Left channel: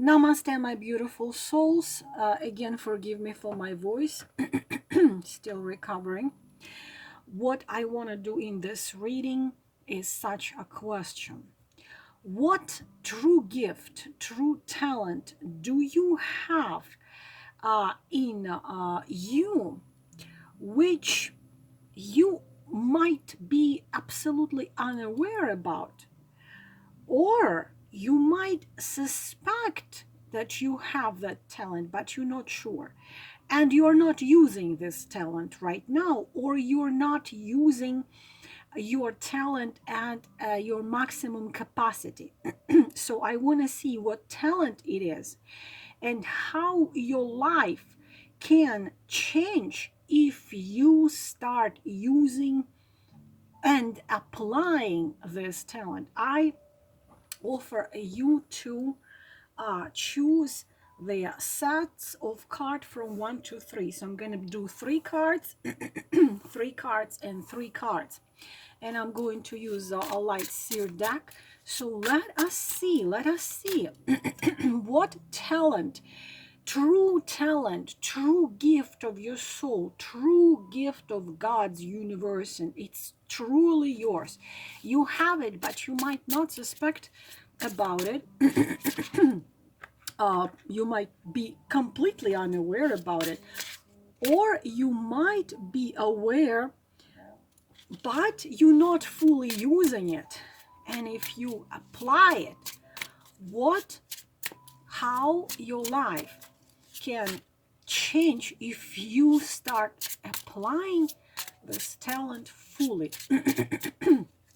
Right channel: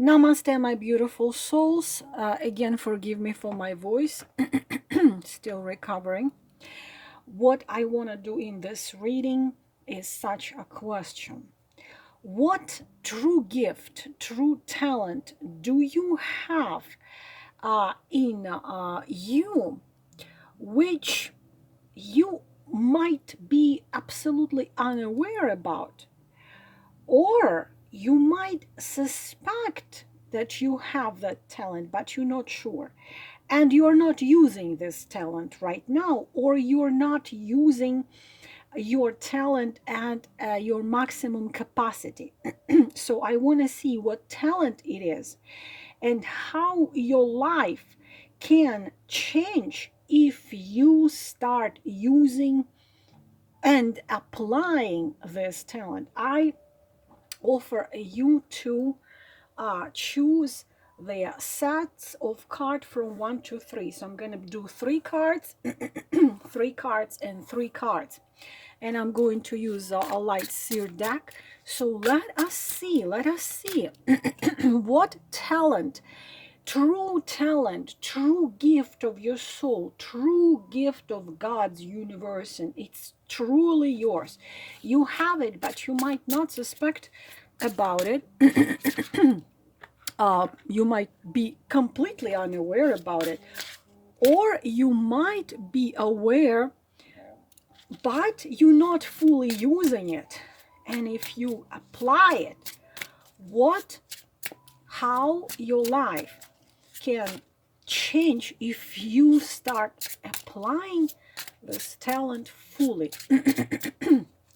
Namaste, my beautiful souls. Again, forgive me for my voice. Still recovering. What I want to do in this reading is such a question. What true gift, true talent do you have in you, which you might be absolutely unaware about? Or you might suspect that you have that talent, but you're not sure. And you're not using this talent right now, or you're not using your talent at your maximum capacity. So I want to see what talent it is and how your life can change if you start using and applying this talent. I offer you to choose the sets of cards from 1 to 3. So I'm going to do 3 cards, 3 cards, and 3 cards. And I'm going to use a light seer deck. So let us see what talent, true gift of your soul, true gift of God's universe, and it's truly yours. You have it, but you might not suspect about it. You might be completely unaware about it, or you might be aware, but you're not fully using it. And if you apply it, how your life can change if you start applying this talent fully.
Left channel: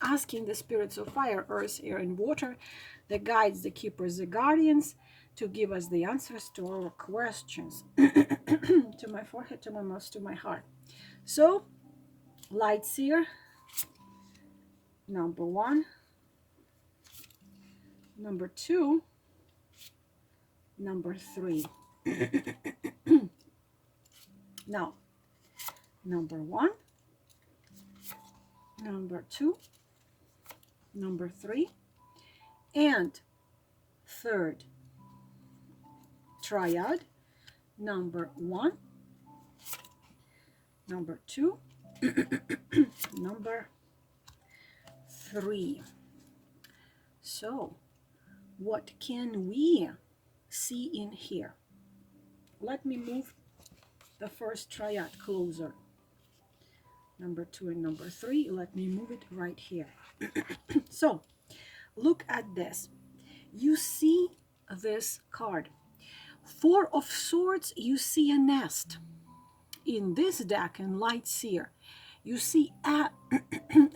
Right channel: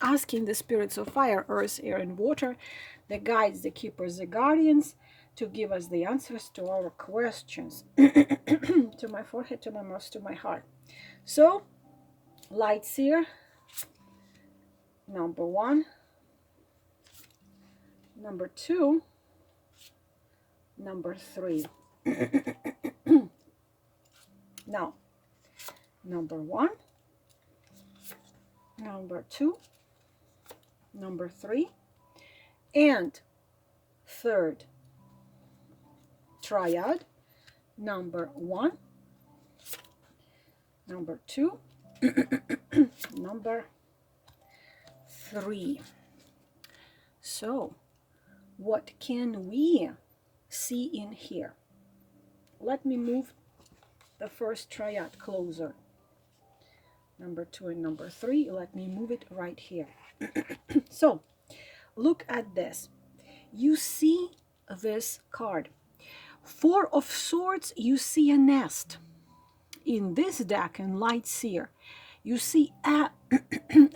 Asking the spirits of fire, earth, air, and water, the guides, the keepers, the guardians, to give us the answers to our questions. To my forehead, to my mouth, to my heart. So, light seer, number 1, number 2, number 3. Now, number 1, number 2, number 3, and third triad, number 1, number 2, number 3. So, what can we see in here? Let me move the first triad closer. Number 2 and number 3, let me move it right here. So, look at this. You see this card. 4 of Swords, you see a nest. In this deck, in Light Seer, you see a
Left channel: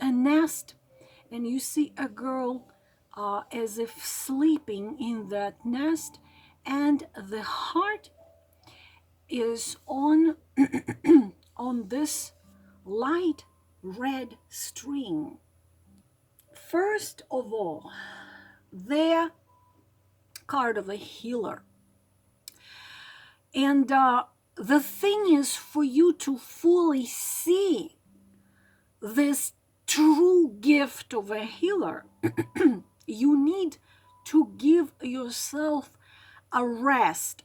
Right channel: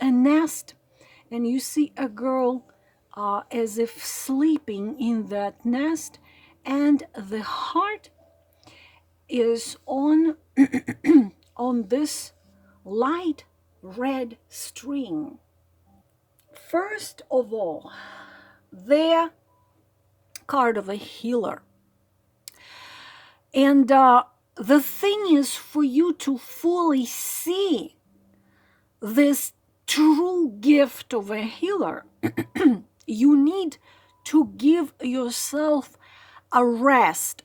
nest, and you see a girl as if sleeping in that nest, and the heart is on on this light red string. First of all, the card of a healer. And the thing is, for you to fully see this true gift of a healer, you need to give yourself a rest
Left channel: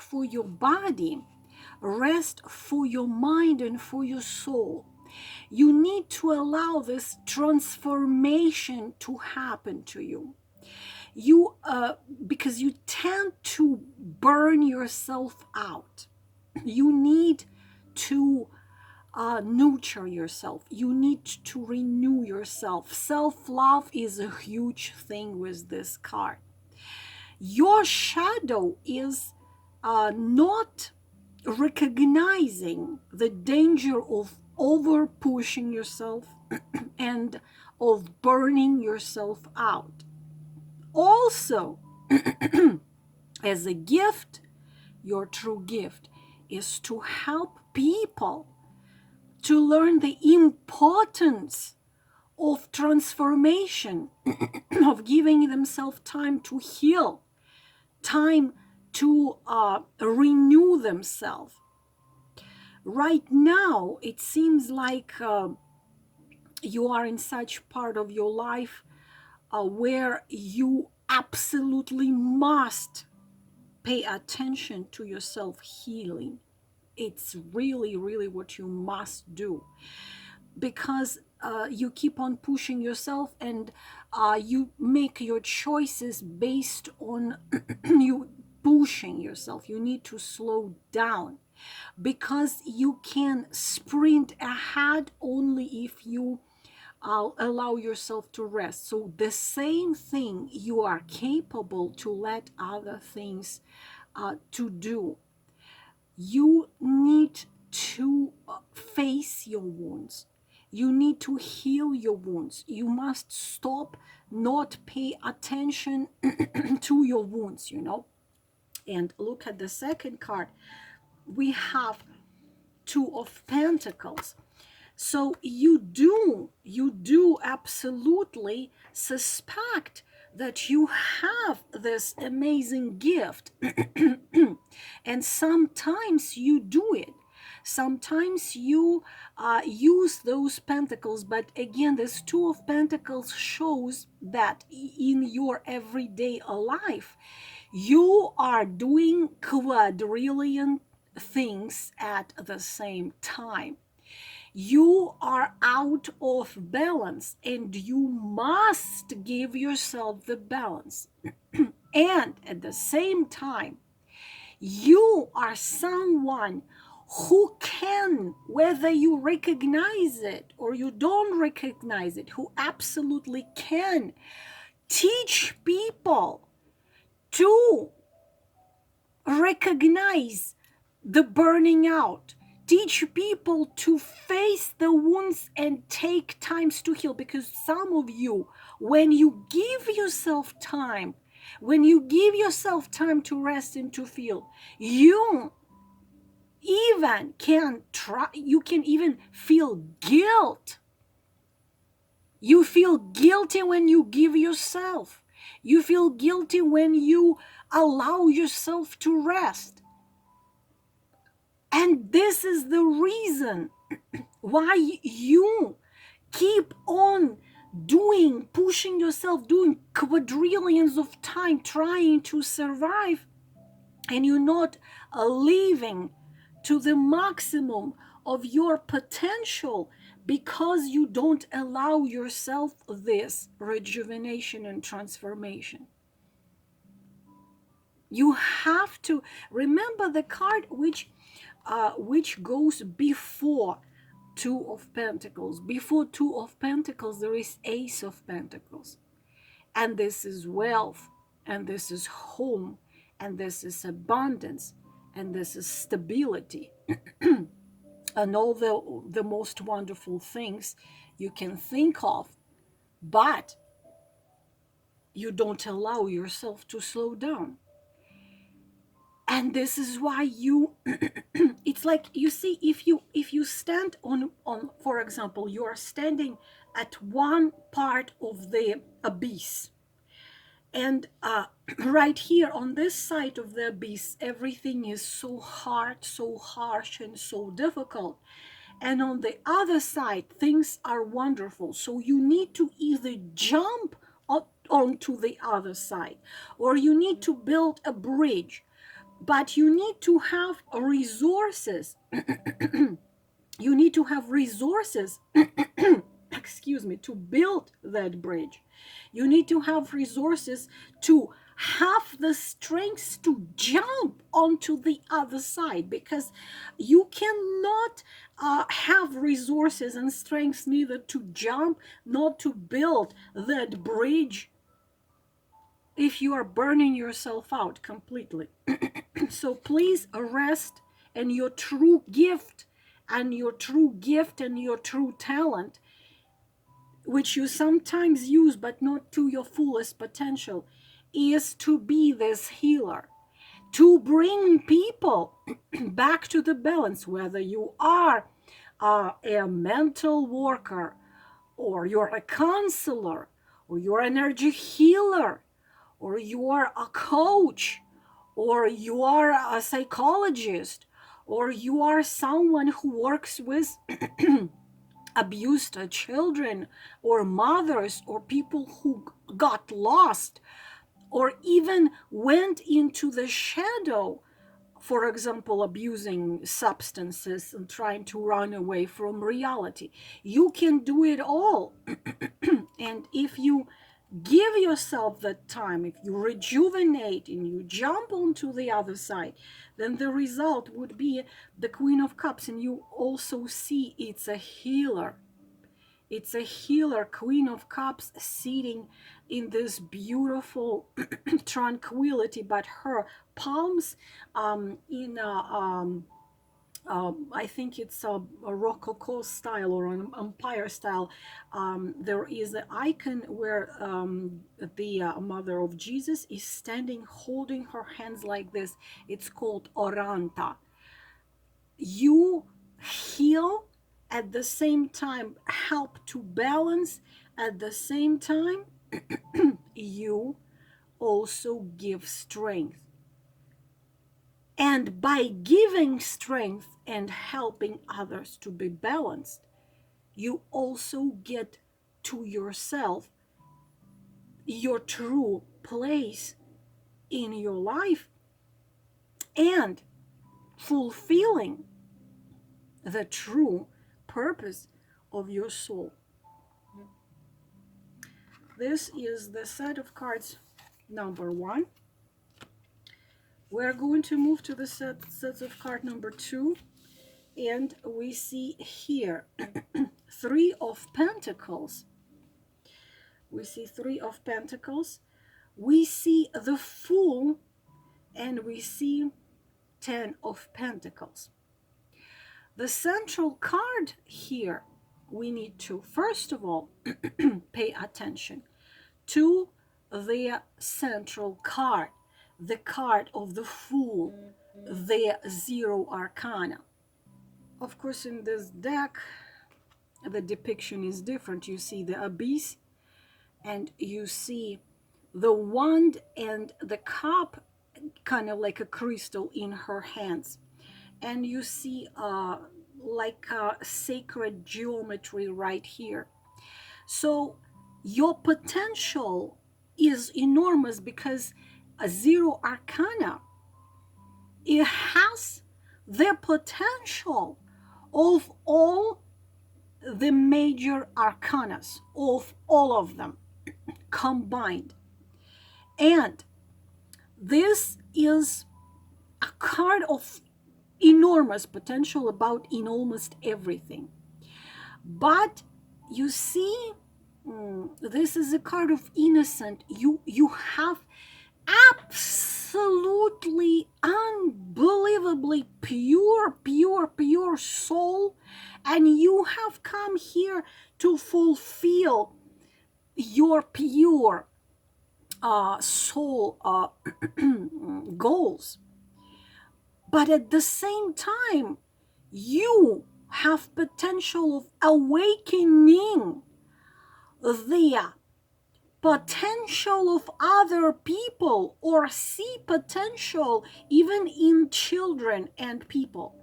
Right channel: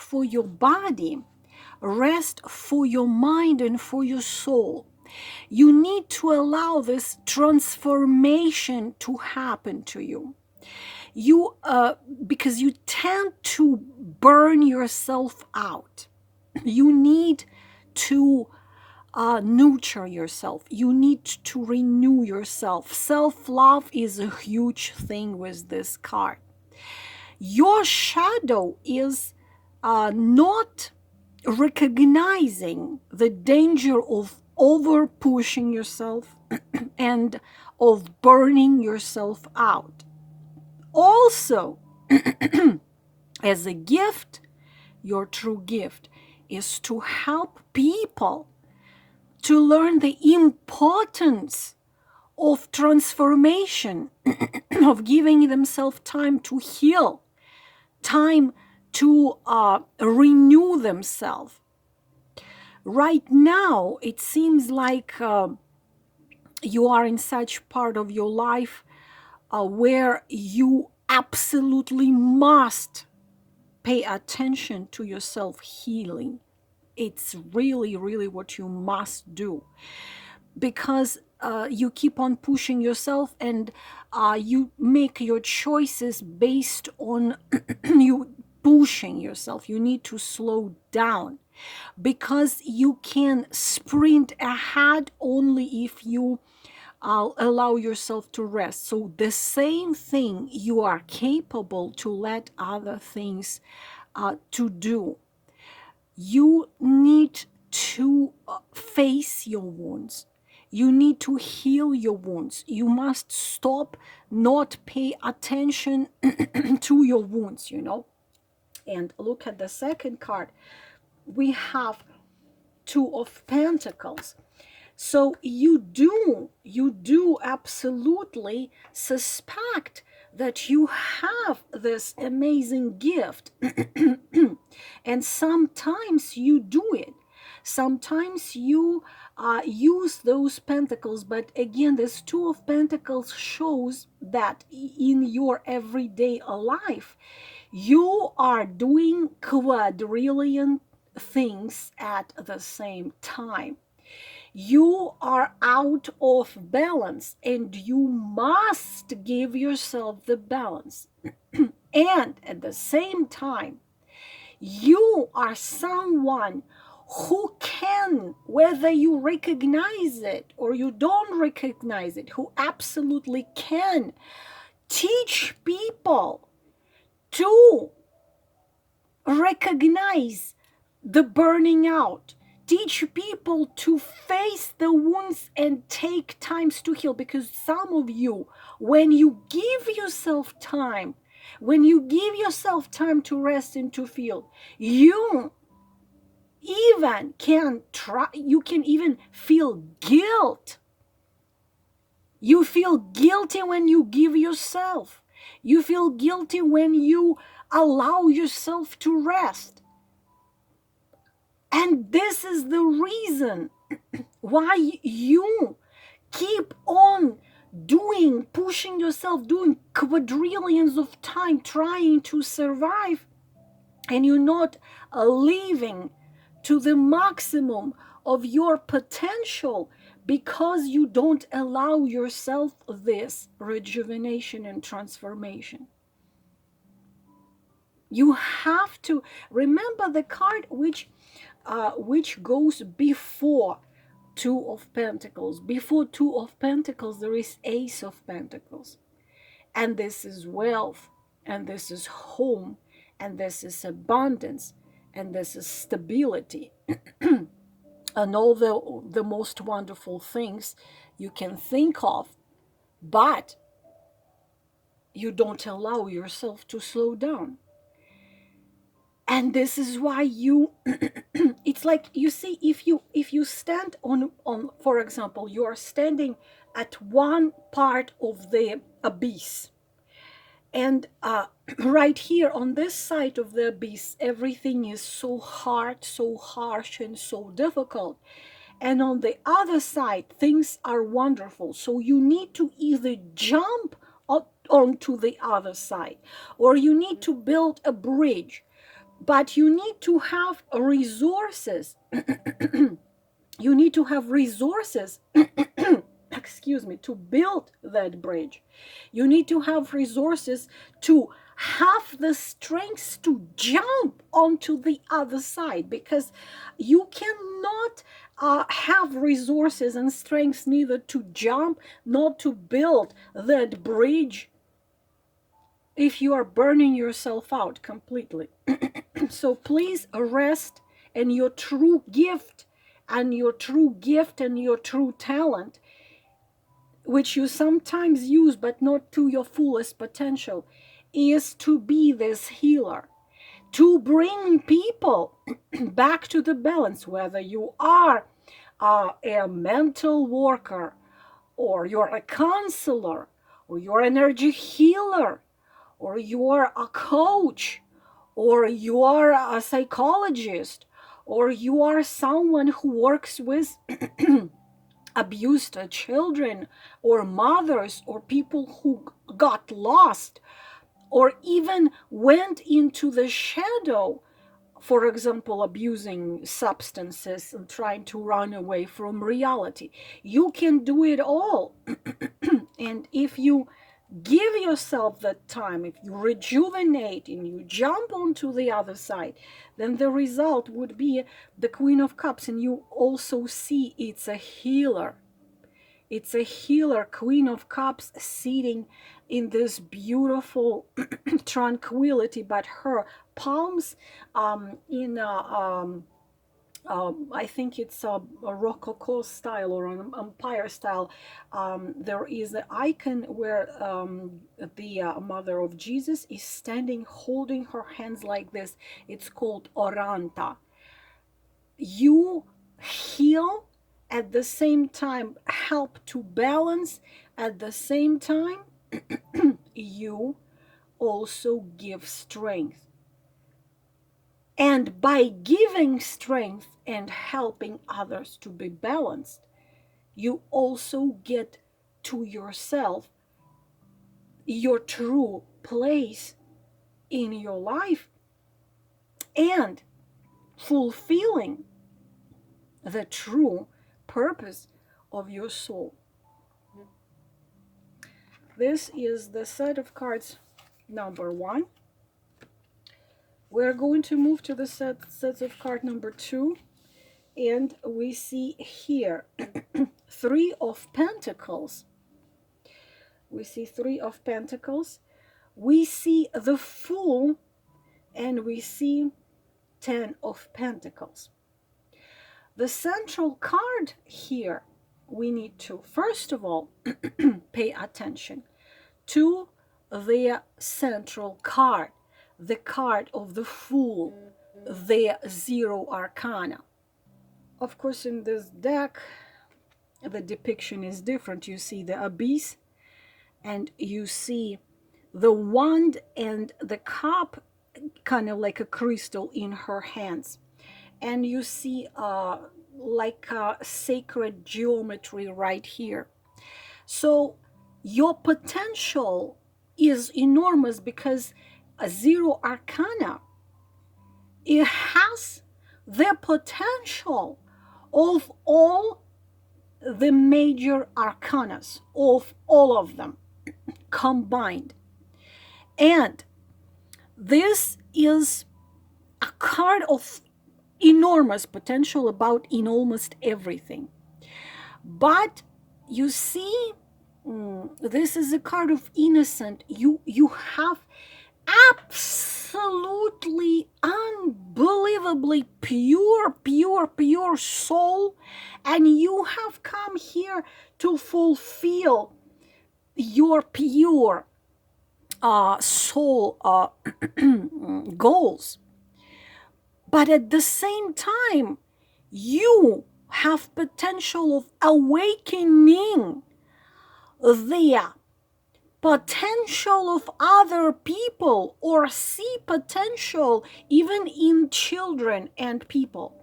for your body, a rest for your mind and for your soul. You need to allow this transformation to happen to you. Because you tend to burn yourself out. You need to nurture yourself. You need to renew yourself. Self-love is a huge thing with this card. Your shadow is not recognizing the danger of over pushing yourself and of burning yourself out. Also, as a gift, your true gift is to help people to learn the importance of transformation, of giving themselves time to heal, time to renew themselves. Right now, it seems like you are in such part of your life where you absolutely must pay attention to your self-healing. It's really, really what you must do, because you keep on pushing yourself, and you make your choices based on you pushing yourself. You need to slow down, because you can sprint ahead only if you allow yourself to rest. So the same thing you are capable to let other things to do. You need to face your wounds. You need to heal your wounds. You must stop, not pay attention to your wounds, you know. And look at the second card. We have Two of Pentacles. So you do absolutely suspect that you have this amazing gift. And sometimes you do it. Sometimes you use those pentacles. But again, this Two of Pentacles shows that in your everyday life, you are doing quadrillion things at the same time. You are out of balance, and you must give yourself the balance. And at the same time, you are someone who can, whether you recognize it or you don't recognize it, who absolutely can teach people to recognize the burning out, teach people to face the wounds and take times to heal. Because some of you, when you give yourself time, when you give yourself time to rest and to feel, you even can try, you can even feel guilt. You feel guilty when you give yourself. You feel guilty when you allow yourself to rest. And this is the reason why you keep on pushing yourself, doing quadrillions of time, trying to survive, and you're not living to the maximum of your potential, because you don't allow yourself this rejuvenation and transformation. You have to remember the card which goes before Two of Pentacles. Before Two of Pentacles, there is Ace of Pentacles. And this is wealth, and this is home, and this is abundance, and this is stability. And all the most wonderful things you can think of, but you don't allow yourself to slow down. And this is why you it's like, you see, if you stand on for example, you are standing at one part of the abyss, and right here on this side of the abyss, everything is so hard, so harsh, and so difficult. And on the other side, things are wonderful. So you need to either jump onto the other side, or you need to build a bridge. But you need to have resources. You need to have resources, excuse me, to build that bridge. You need to have resources to have the strength to jump onto the other side, because you cannot have resources and strength neither to jump nor to build that bridge if you are burning yourself out completely. So please rest in your true gift, and your true gift and your true talent, which you sometimes use but not to your fullest potential, is to be this healer, to bring people back to the balance, whether you are a mental worker, or you're a counselor, or you're an energy healer, or you're a coach, or you are a psychologist, or you are someone who works with abused children, or mothers, or people who got lost, or even went into the shadow, for example, abusing substances and trying to run away from reality. You can do it all. And if you give yourself that time, if you rejuvenate and you jump onto the other side, then the result would be the Queen of Cups. And you also see it's a healer. It's a healer, Queen of Cups, sitting in this beautiful tranquility, but her palms in I think it's a Rococo style or an Empire style. There is an icon where the Mother of Jesus is standing, holding her hands like this. It's called Oranta. You heal, at the same time help to balance, at the same time you also give strength. And by giving strength and helping others to be balanced, you also get to yourself your true place in your life and fulfilling the true purpose of your soul. This is the set of cards number 1. We're going to move to the sets of card number 2, and we see here 3 of Pentacles. We see 3 of Pentacles. We see the Fool, and we see 10 of Pentacles. The central card here, we need to, first of all, pay attention to the central card, the card of the Fool, the 0 arcana. Of course, in this deck, the depiction is different. You see the abyss, and you see the wand and the cup, kind of like a crystal in her hands. And you see like a sacred geometry right here. So your potential is enormous, because a 0 arcana, it has the potential of all the major arcanas, of all of them combined. And this is a card of enormous potential about in almost everything. But you see, this is a card of innocent. You have absolutely unbelievably pure soul, and you have come here to fulfill your pure soul goals. But at the same time, you have potential of awakening the potential of other people, or see potential even in children and people.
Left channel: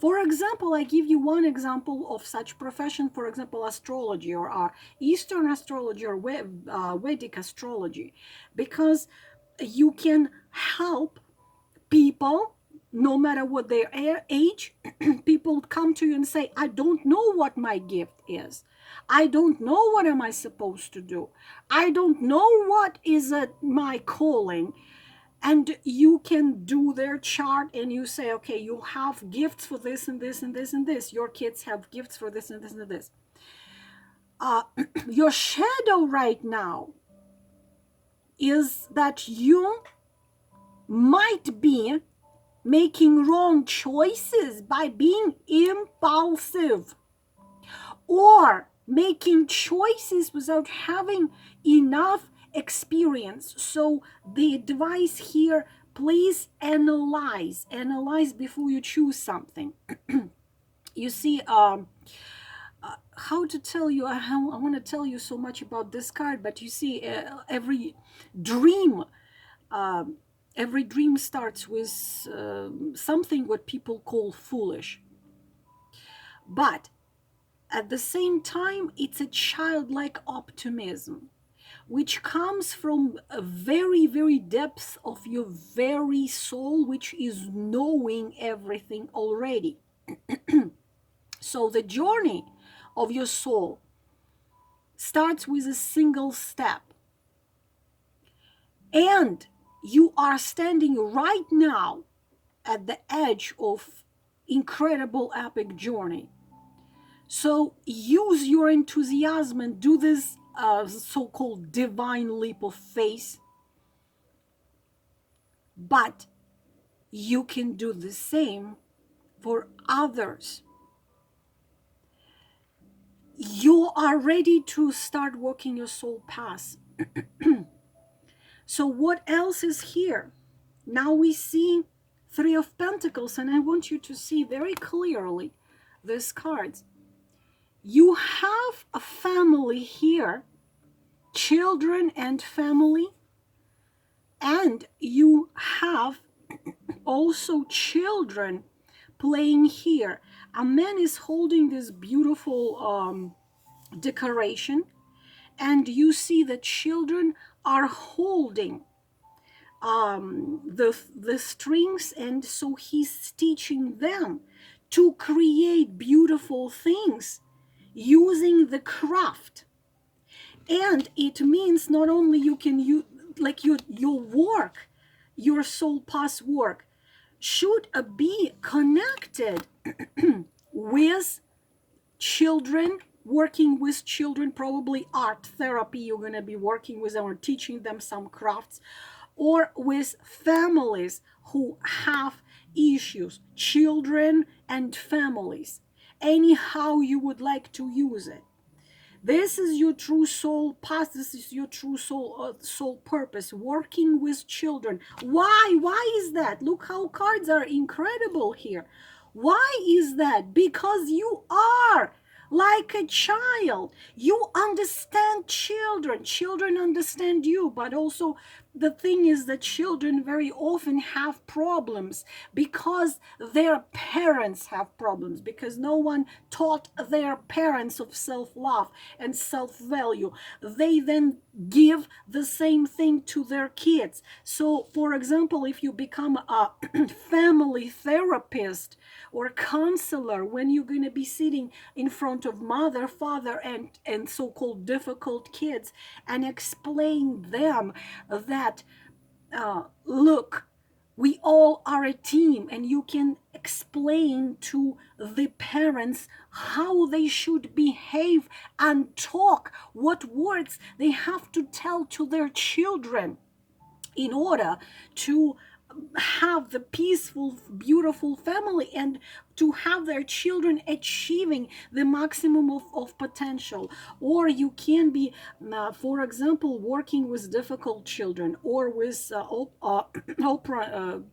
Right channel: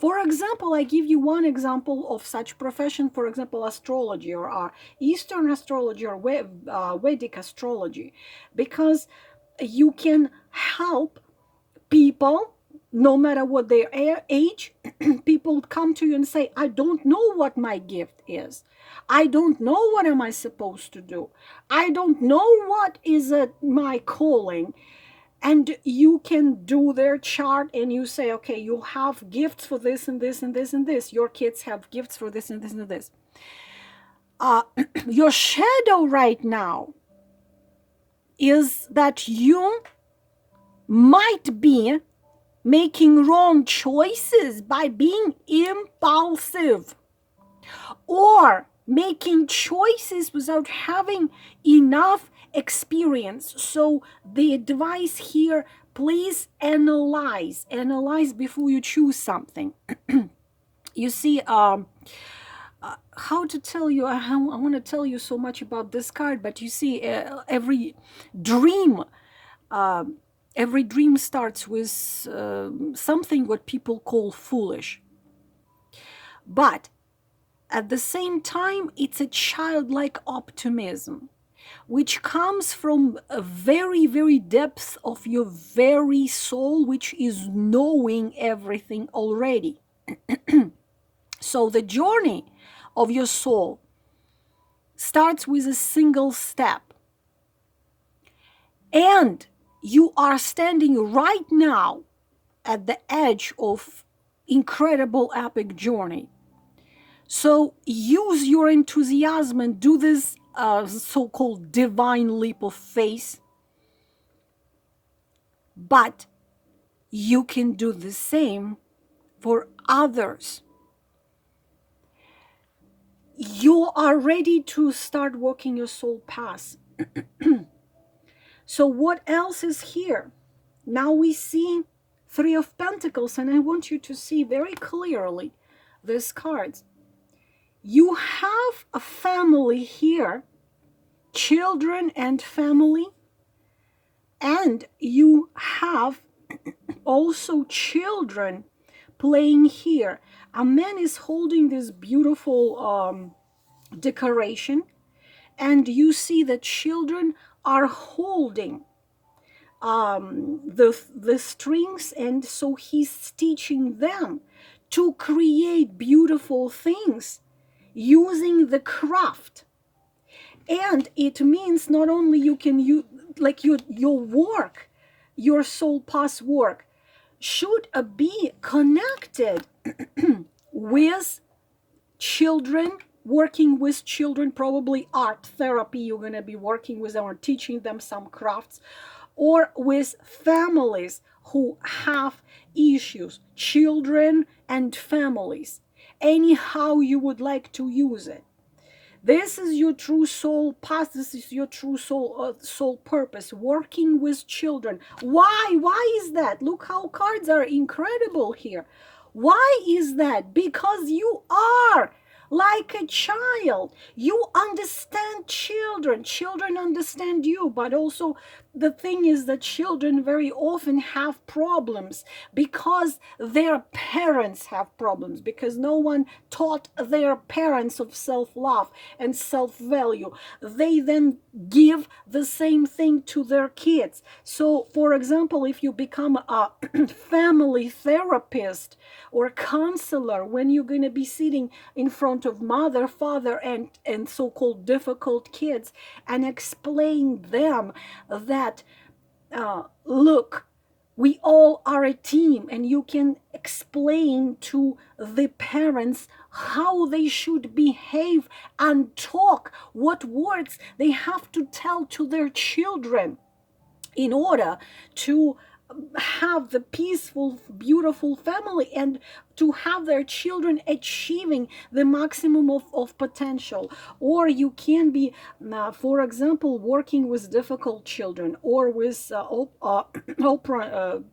For example, I give you one example of such profession, for example, astrology, or Eastern astrology, or Vedic astrology, because you can help people, no matter what their age. People come to you and say, I don't know what my gift is. I don't know what am I supposed to do. I don't know what is my calling. And you can do their chart, and you say, okay, you have gifts for this and this and this and this. Your kids have gifts for this and this and this. Your shadow right now is that you might be making wrong choices by being impulsive, or making choices without having enough experience. So the advice here, please analyze before you choose something. You see, how to tell you, I want to tell you so much about this card, but you see, every dream starts with something what people call foolish. But at the same time, it's a childlike optimism. which comes from a very, very depth of your very soul, which is knowing everything already. So the journey of your soul starts with a single step. And you are standing right now at the edge of incredible epic journey. So use your enthusiasm and do this so-called divine leap of faith. But you can do the same for others. You are ready to start walking your soul path. So what else is here? Now we see Three of Pentacles, and I want you to see very clearly these cards. You have a family here, children and family, and you have also children playing here. A man is holding this beautiful decoration, and you see that children are holding the strings, and so he's teaching them to create beautiful things using the craft. And it means not only you can use like your work, your soul path work should be connected with children, working with children, probably art therapy, you're going to be working with them or teaching them some crafts, or with families who have issues, children and families, anyhow you would like to use it. This is your true soul path. This is your true soul purpose, working with children. Why is that? Look how cards are incredible here. Why is that? Because you are like a child. You understand children. Children understand you, but also the thing is that children very often have problems because their parents have problems, because no one taught their parents of self-love and self-value. They then give the same thing to their kids. So, for example, if you become a family therapist or counselor, when you're going to be sitting in front of mother, father, and so-called difficult kids and explain them that look, we all are a team, and you can explain to the parents how they should behave and talk, what words they have to tell to their children in order to have the peaceful, beautiful family and to have their children achieving the maximum of potential. Or you can be, for example, working with difficult children, or with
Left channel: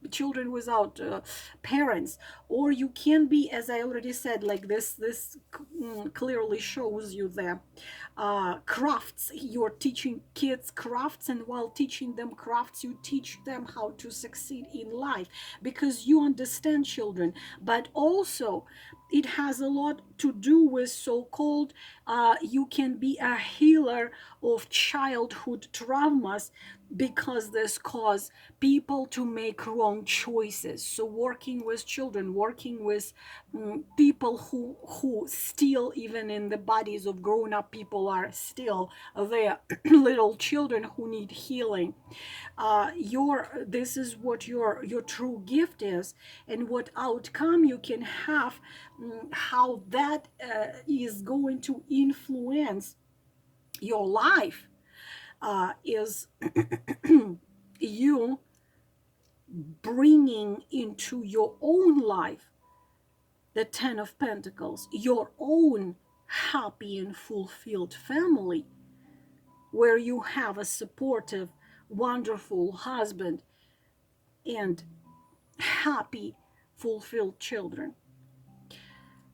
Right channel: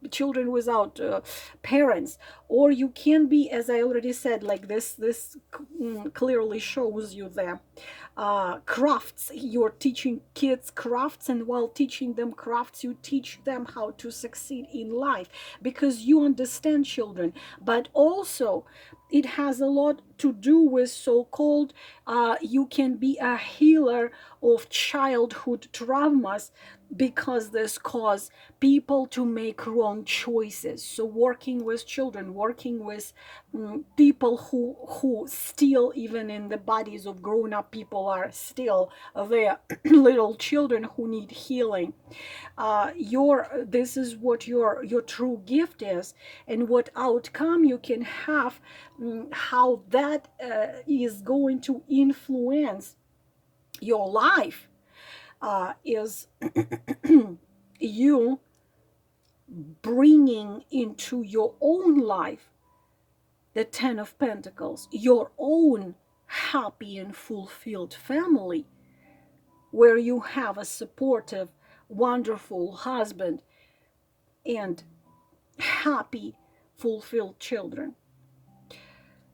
children without parents. Or you can be, as I already said, like this clearly shows you the crafts. You're teaching kids crafts, and while teaching them crafts, you teach them how to succeed in life, because you understand children. But also it has a lot to do with so-called you can be a healer of childhood traumas, because this cause people to make wrong choices. So working with children, working with people who still, even in the bodies of grown-up people, are still there little children who need healing. This is what your true gift is, and what outcome you can have, how that is going to influence your life, is you bringing into your own life the Ten of Pentacles, your own happy and fulfilled family, where you have a supportive, wonderful husband and happy, fulfilled children.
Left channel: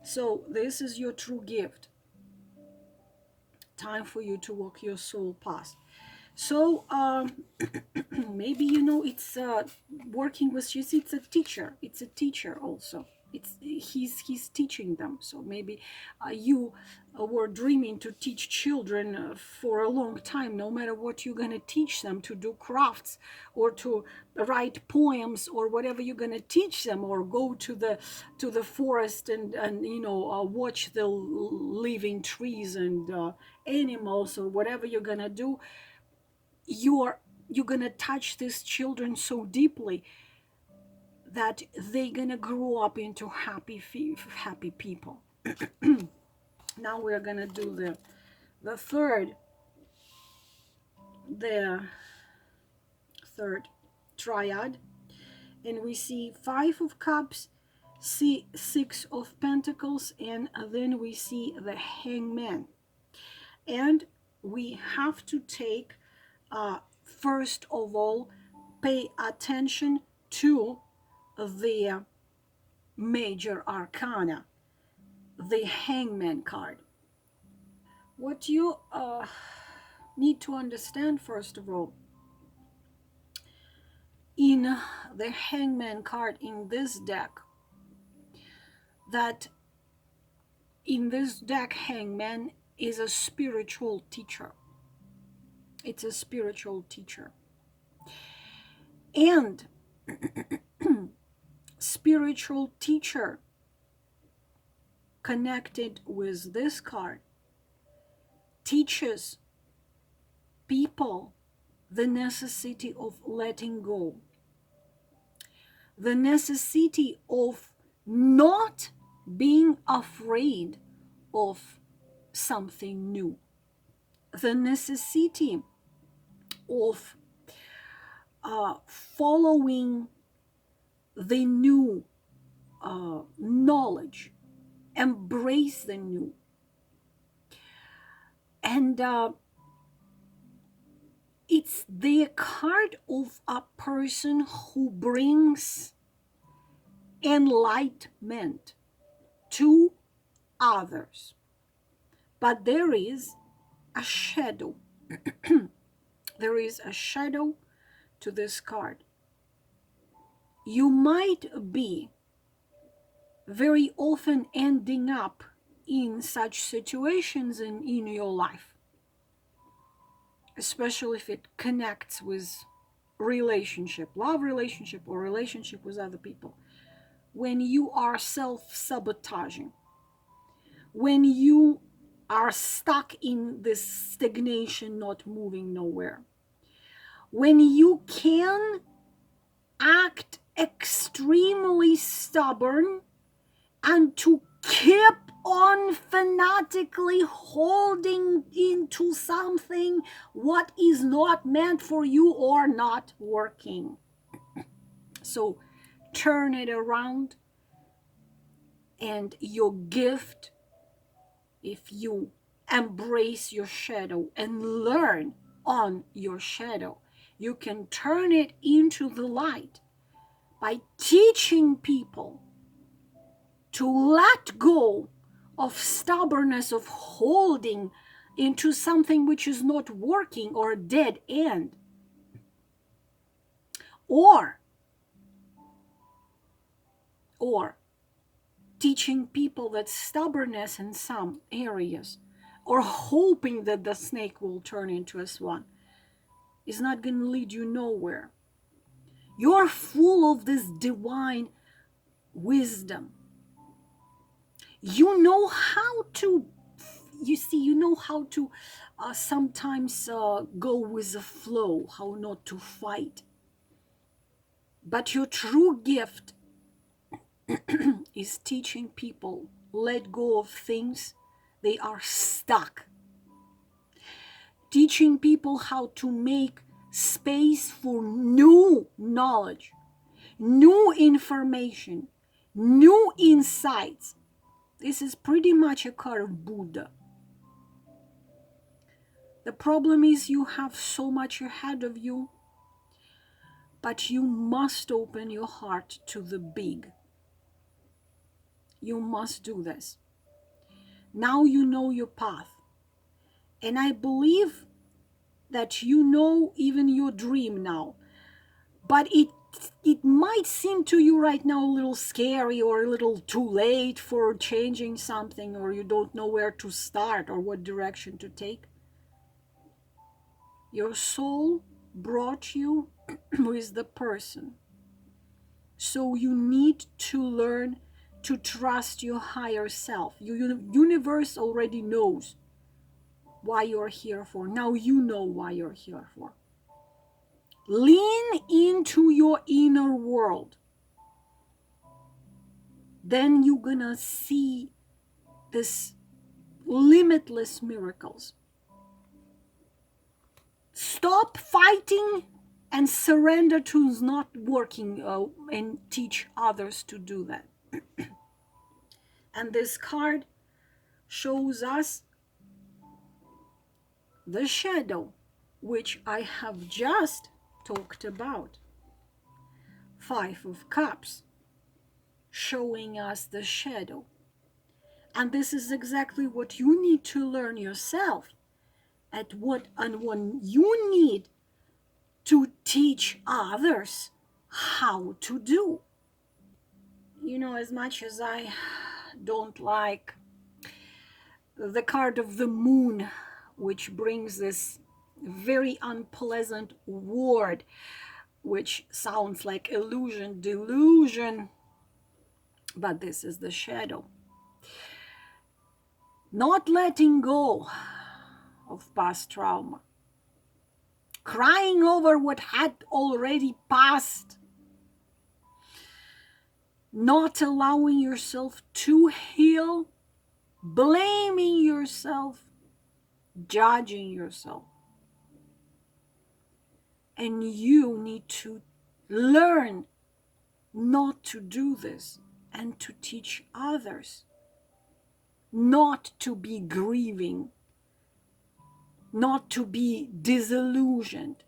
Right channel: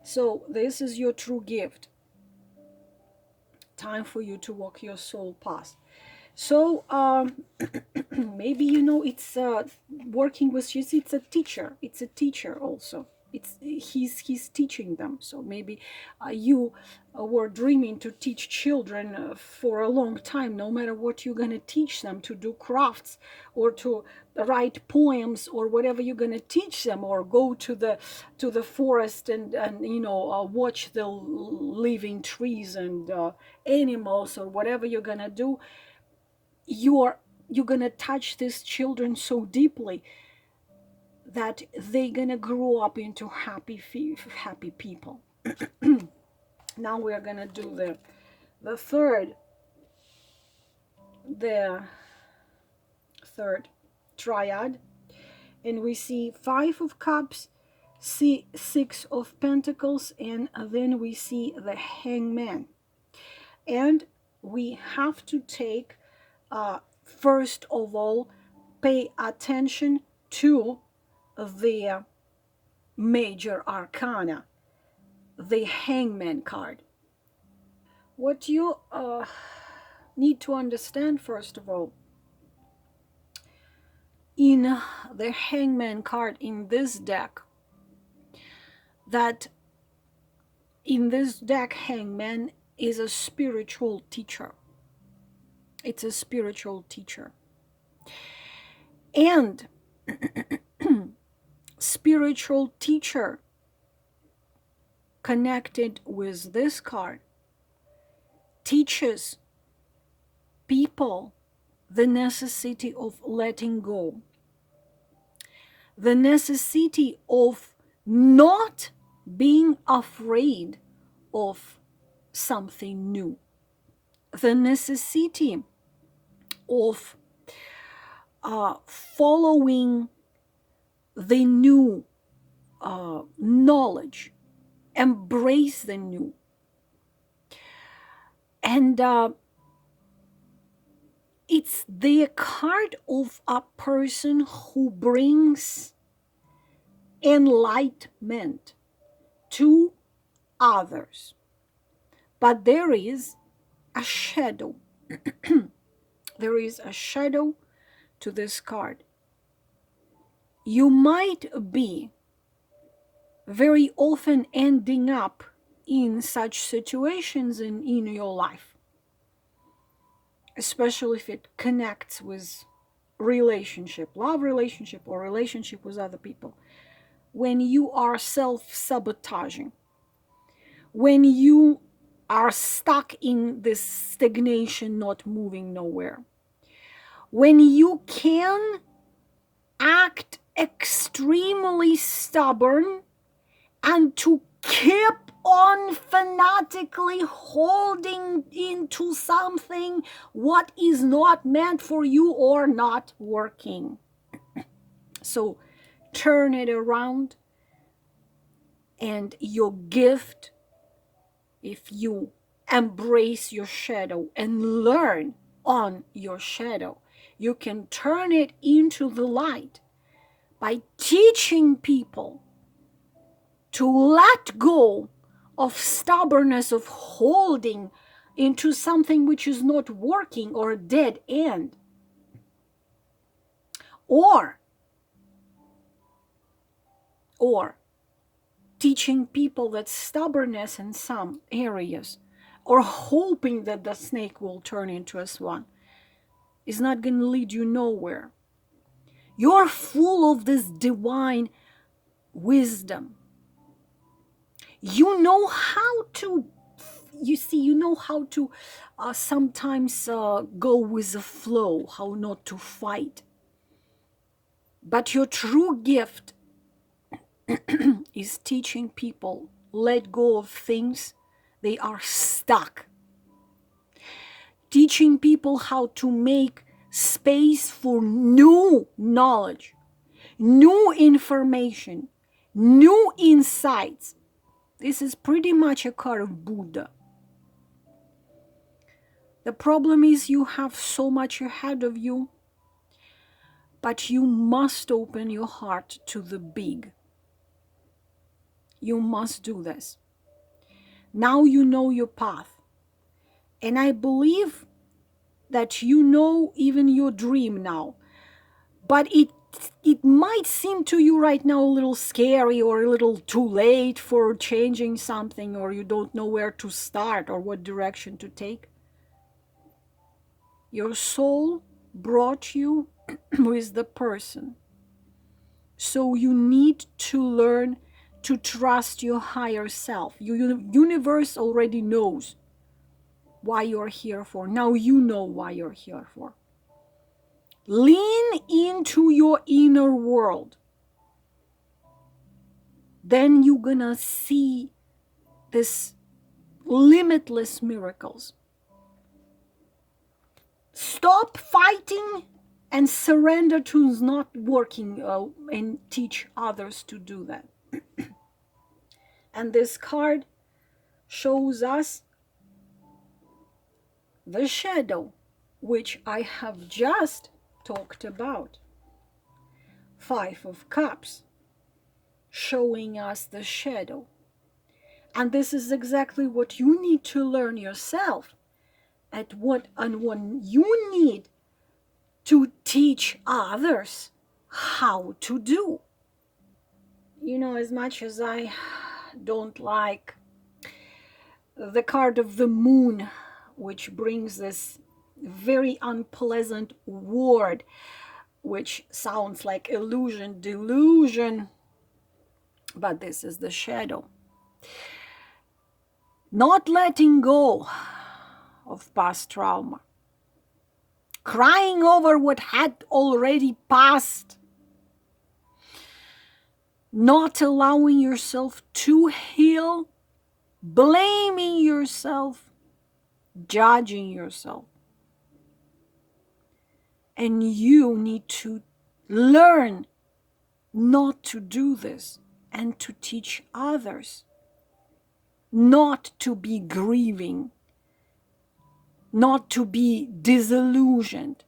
So this is your true gift. Time for you to walk your soul path. So maybe it's working with you. It's a teacher. It's a teacher also. He's teaching them. So maybe you were dreaming to teach children for a long time. No matter what you're going to teach them, to do crafts or to write poems or whatever you're going to teach them, or go to the forest and watch the living trees and animals, or whatever you're going to do, you're going to touch these children so deeply that they're gonna grow up into happy people. Now we're gonna do the third the third triad, and we see 5 of Cups, see 6 of Pentacles, and then we see the Hangman. And we have to take, first of all, pay attention to the major arcana, the Hangman card. What you need to understand, first of all, in the Hangman card in this deck, that in this deck, Hangman is a spiritual teacher. It's a spiritual teacher. And spiritual teacher connected with this card teaches people the necessity of letting go, the necessity of not being afraid of something new, the necessity of following the new knowledge, embrace the new. And it's the card of a person who brings enlightenment to others. But there is a shadow. There is a shadow to this card. You might be very often ending up in such situations in your life, especially if it connects with relationship, love relationship, or relationship with other people, when you are self-sabotaging, when you are stuck in this stagnation, not moving nowhere, when you can act extremely stubborn and to keep on fanatically holding into something what is not meant for you or not working. So turn it around, and your gift, if you embrace your shadow and learn on your shadow, you can turn it into the light by teaching people to let go of stubbornness, of holding into something which is not working, or a dead end, or teaching people that stubbornness in some areas, or hoping that the snake will turn into a swan, is not going to lead you nowhere. You're full of this divine wisdom. You know how to, sometimes go with the flow, how not to fight. But your true gift is teaching people let go of things they are stuck. Teaching people how to make space for new knowledge, new information, new insights. This is pretty much a card of Buddha. The problem is you have so much ahead of you, but you must open your heart to the big. You must do this. Now you know your path. And I believe that you know even your dream now. But it it might seem to you right now a little scary or a little too late for changing something, or you don't know where to start or what direction to take. Your soul brought you with the person. So you need to learn to trust your higher self. Your universe already knows why you're here for. Now you know why you're here for. Lean into your inner world. Then you're gonna see this limitless miracles. Stop fighting and surrender to not working, and teach others to do that. And this card shows us the shadow, which I have just talked about. 5 of Cups, showing us the shadow. And this is exactly what you need to learn yourself, and what you need to teach others how to do. You know, as much as I don't like the card of the moon, which brings this very unpleasant word, which sounds like illusion, delusion, but this is the shadow. Not letting go of past trauma, crying over what had already passed, not allowing yourself to heal, blaming yourself, judging yourself. And you need to learn not to do this, and to teach others not to be grieving, not to be disillusioned.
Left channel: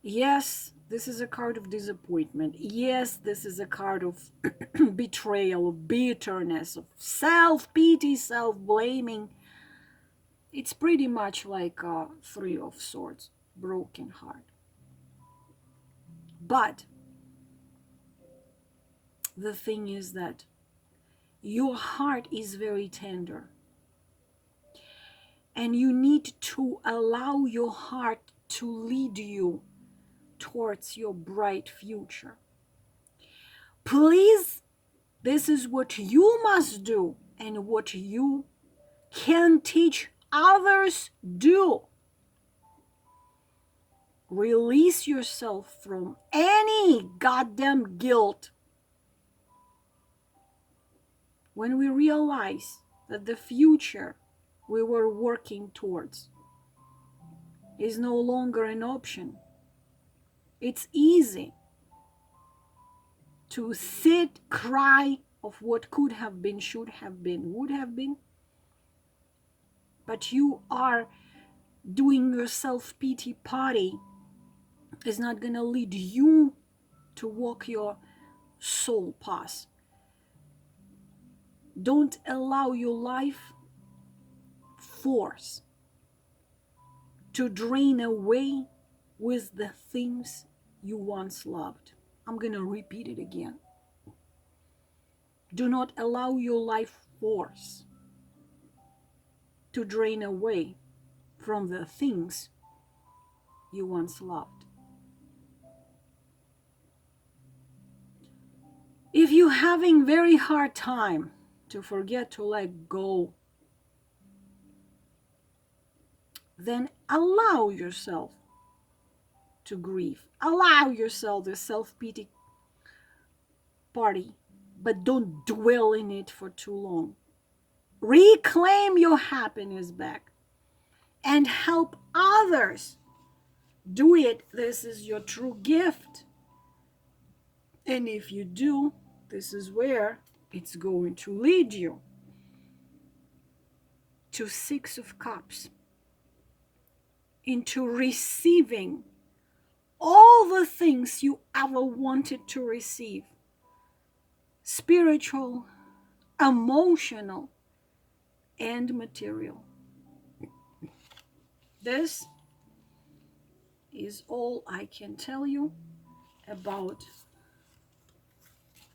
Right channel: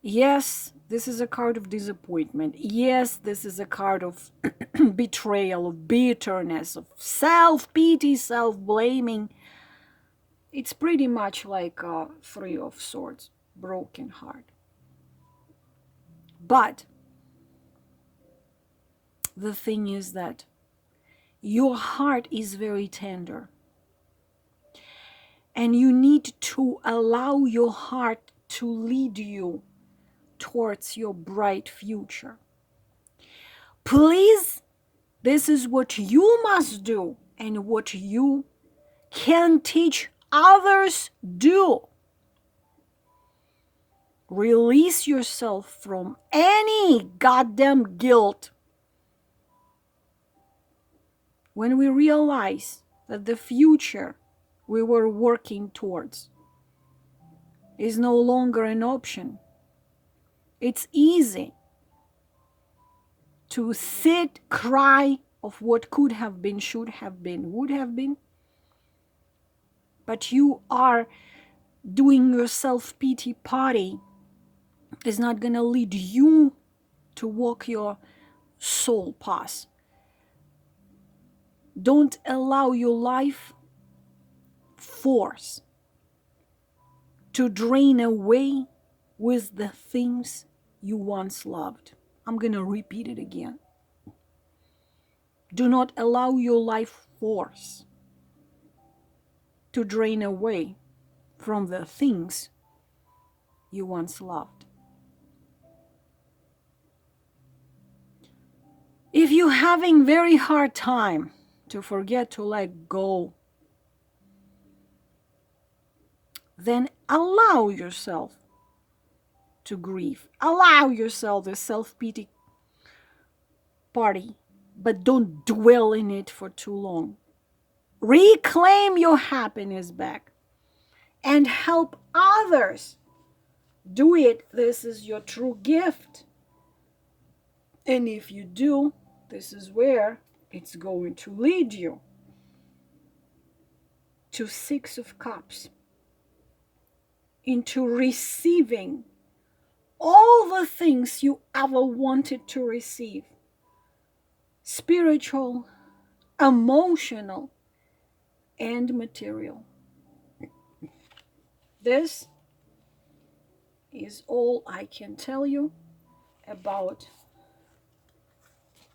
Yes, this is a card of disappointment. Yes, this is a card of betrayal, of bitterness, of self-pity, self-blaming. It's pretty much like a 3 of Swords, broken heart. But the thing is that your heart is very tender, and you need to allow your heart to lead you towards your bright future. Please, this is what you must do and what you can teach others do. Release yourself from any goddamn guilt. When we realize that the future we were working towards is no longer an option, it's easy to sit, cry of what could have been, should have been, would have been. But you are doing your self-pity party is not going to lead you to walk your soul path. Don't allow your life force to drain away with the things you once loved. I'm going to repeat it again. Do not allow your life force to drain away from the things you once loved. If you're having very hard time to forget to let go, then allow yourself to grieve. Allow yourself the self-pity party, but don't dwell in it for too long. Reclaim your happiness back and help others do it. This is your true gift. And if you do, this is where it's going to lead you to 6 of Cups, into receiving all the things you ever wanted to receive. Spiritual, emotional, and material. This is all I can tell you about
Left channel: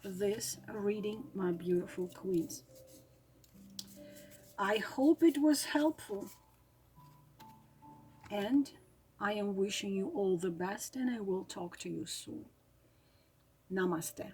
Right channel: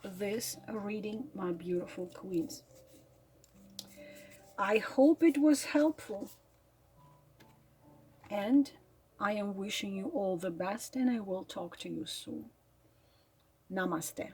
this reading, my beautiful queens. I hope it was helpful, and I am wishing you all the best, and I will talk to you soon. Namaste.